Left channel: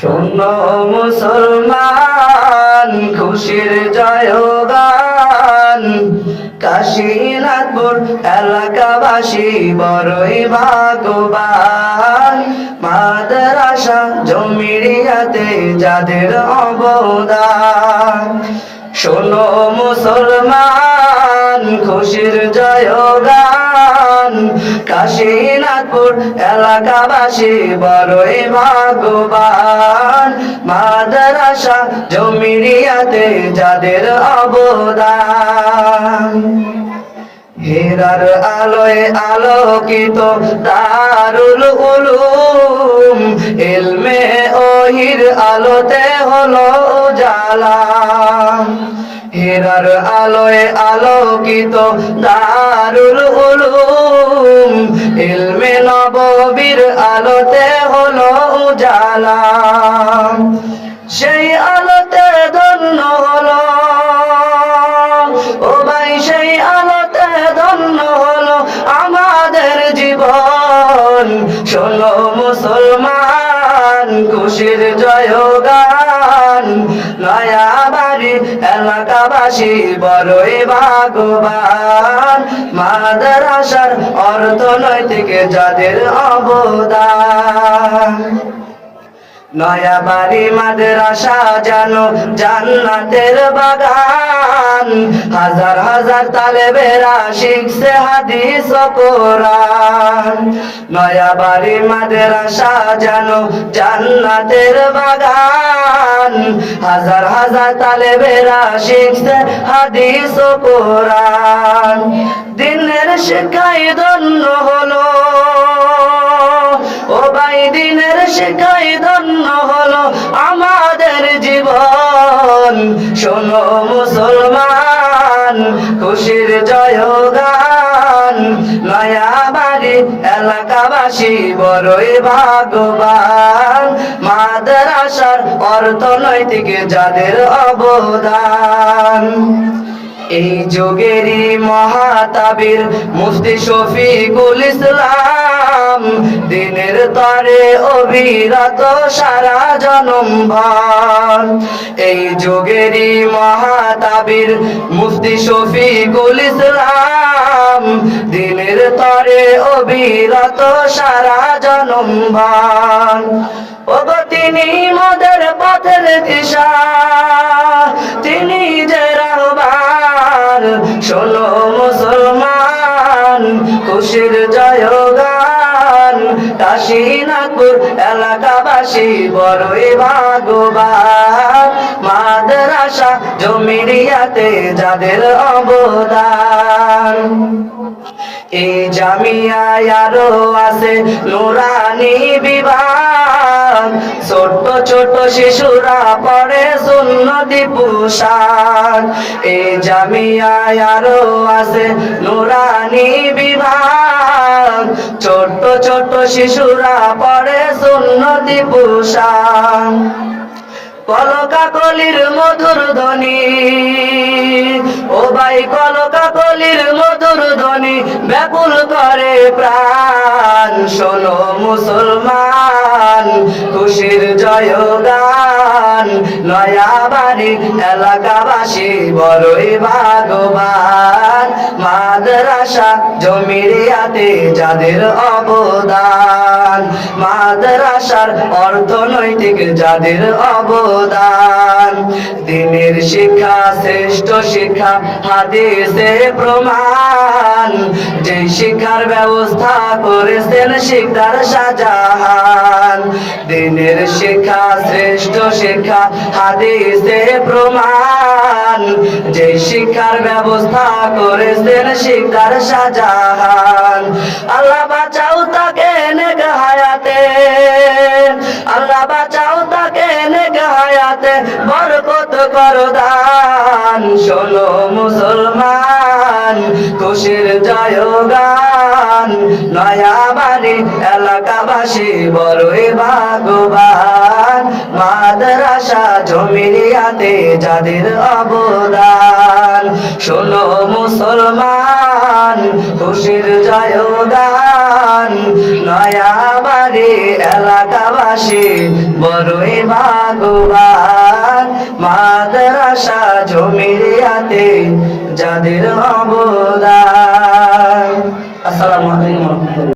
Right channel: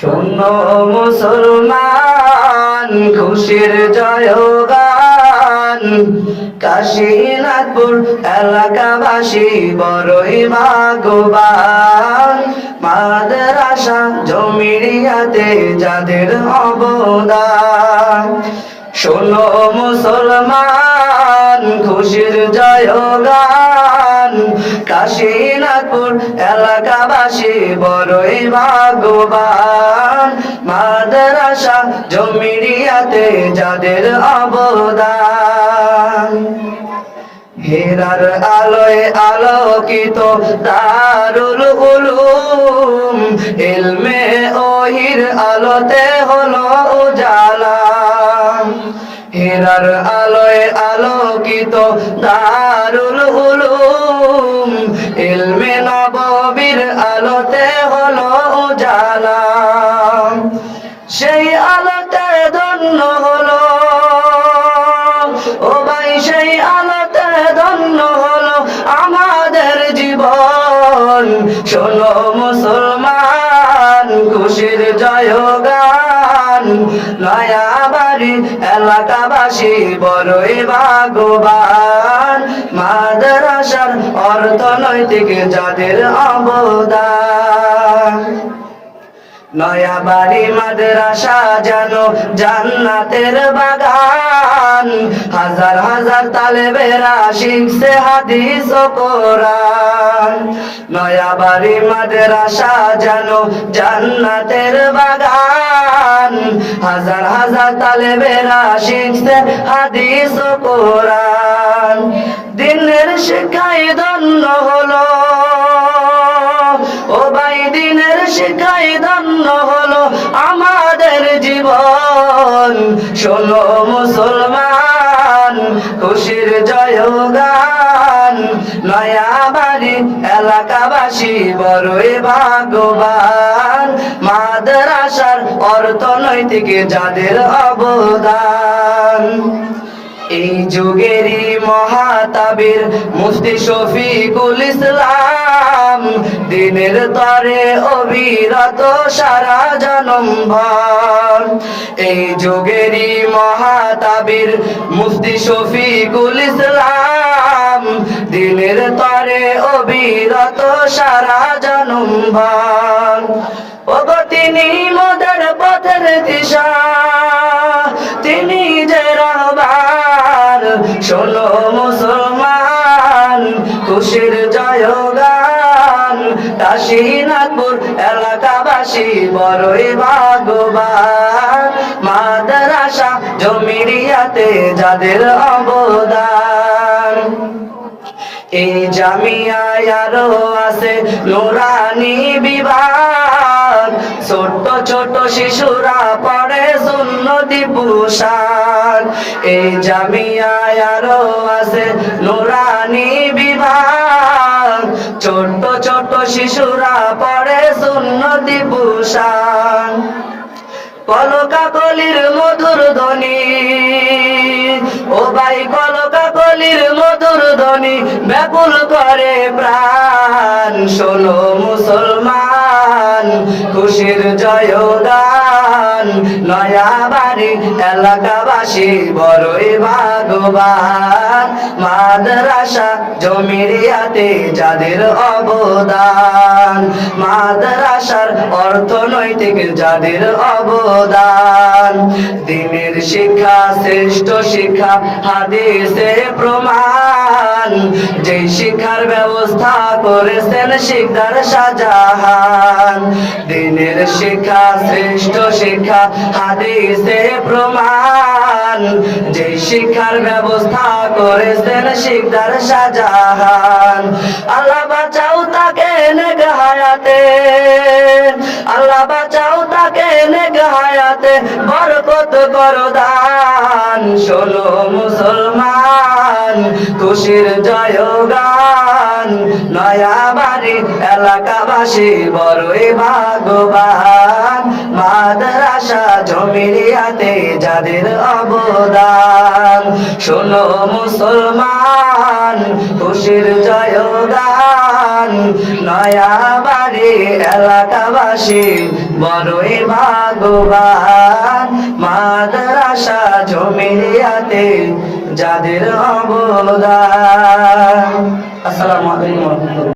শোনো মুসলমান খুশির জয়গান, কাশীনাথপুর এলাকাবাসী বড়ই ভাগ্যবান। মাদ্রাসা জমিরিয়াতে যাদের অবদান। শোনো মুসলমান খুশির জয়গান, কাশীনাথপুর এলাকাবাসী বড়ই ভাগ্যবান। মাদ্রাসা জমিরিয়াতে যাদের অবদান। হেরার আলোয় আলোকিত দারুল উলুম, ইলমে ওহির আলোতে হলো উজালা। হেরার আলোয় আলোকিত দারুল উলুম, ইলমে নববীর আলোতে হলো উজালা। সেই আলোতে ধন্য হলো ও ভাই, সেই আলোতে ধন্য হলো আমাদের জীবন। শোনো মুসলমান খুশির জয়গান, নয়াবাড়ি এলাকাবাসী বড়ই ভাগ্যবান। মাদ্রাসার অর্থনৈতিক যাদের অবদান। নয়াবাড়ি মাদ্রাসা যেন জান্নাতের বাগান, হাজার হাজার তালেবেরা শিখছে হাদিস ও কোরআন। নয়াবাড়ি মাদ্রাসা যেন জান্নাতের বাগান, হাজার হাজার তালেবেরা শিখছে হাদিস ও কোরআন। দিনের শিক্ষায় ধন্য হলো ও ভাই, দিনের শিক্ষায় ধন্য হলো আমাদের জীবন। শোনো মুসলমান খুশির জয়গান, নয়াবাড়ি এলাকাবাসী বড়ই ভাগ্যবান। মাদ্রাসার অর্থনৈতিক যাদের অবদান। এই যুগেরই মহাতাবির মুফতি শফিকুল ইসলাম, দিনের তরে অবিরত সারা জনমভর। এই যুগেরই মহাতাবির মুফতি শফিকুল ইসলাম, দিনের তরে অবিরত সারা জনমভর। ওগো তিনি মোদের পথের দিশা, তিনি যে রাহবার। শোনো মুসলমান খুশির জয়গান, কাশীনাথপুর এলাকাবাসী বড়ই ভাগ্যবান। মাদ্রাসা জমিরিয়াতে যাদের অবদান। এই জামিয়ায় আরো আছে নুরানি বিভাগ, ছোট ছোট শিশুরা পড়ে সুন্নতি পোশাক। এই জামিয়ায় আরো আছে নুরানি বিভাগ, ছোট ছোট শিশুরা পড়ে সুন্নতি পোশাক। কলকাকলির মধুর ধ্বনি ও ভাই, কলকাকলির মধুর ধ্বনি ব্যাকুল করে প্রাণ। শোনো মুসলমান খুশির জয়গান, নয়াবাড়ি এলাকাবাসী বড়ই ভাগ্যবান। মাদ্রাসা জমিরিয়াতে যাদের অবদান। মাদ্রাসার অর্থনৈতিক যাদের অবদান। দিনের শিক্ষা শ্রেষ্ঠ শিক্ষা হাদিসে প্রমাণ, যেই শিক্ষার ব্যবস্থা করেছেন শিকদার শাহজাহান। দিনের শিক্ষা শ্রেষ্ঠ শিক্ষা হাদিসে প্রমাণ, যেই শিক্ষার ব্যবস্থা করেছেন শিকদার শাহজাহান। আল্লাহ বাঁচাও তাকে নেক হায়াতে, আল্লাহ বাঁচাও তাকে নেক হায়াতে, বরকত করো দান। শোনো মুসলমান খুশির জয়গান, নয়াবাড়ি এলাকাবাসী বড়ই ভাগ্যবান। মাদ্রাসা জমিরিয়াতে যাদের অবদান। শোনো মুসলমান খুশির জয়গান নয়াবাড়ি এলাকাবাসী বড়ই ভাগ্যবান মাদ্রাসা জমিরিয়াতে যাদের অবদান। আসসালামু আলাইকুম।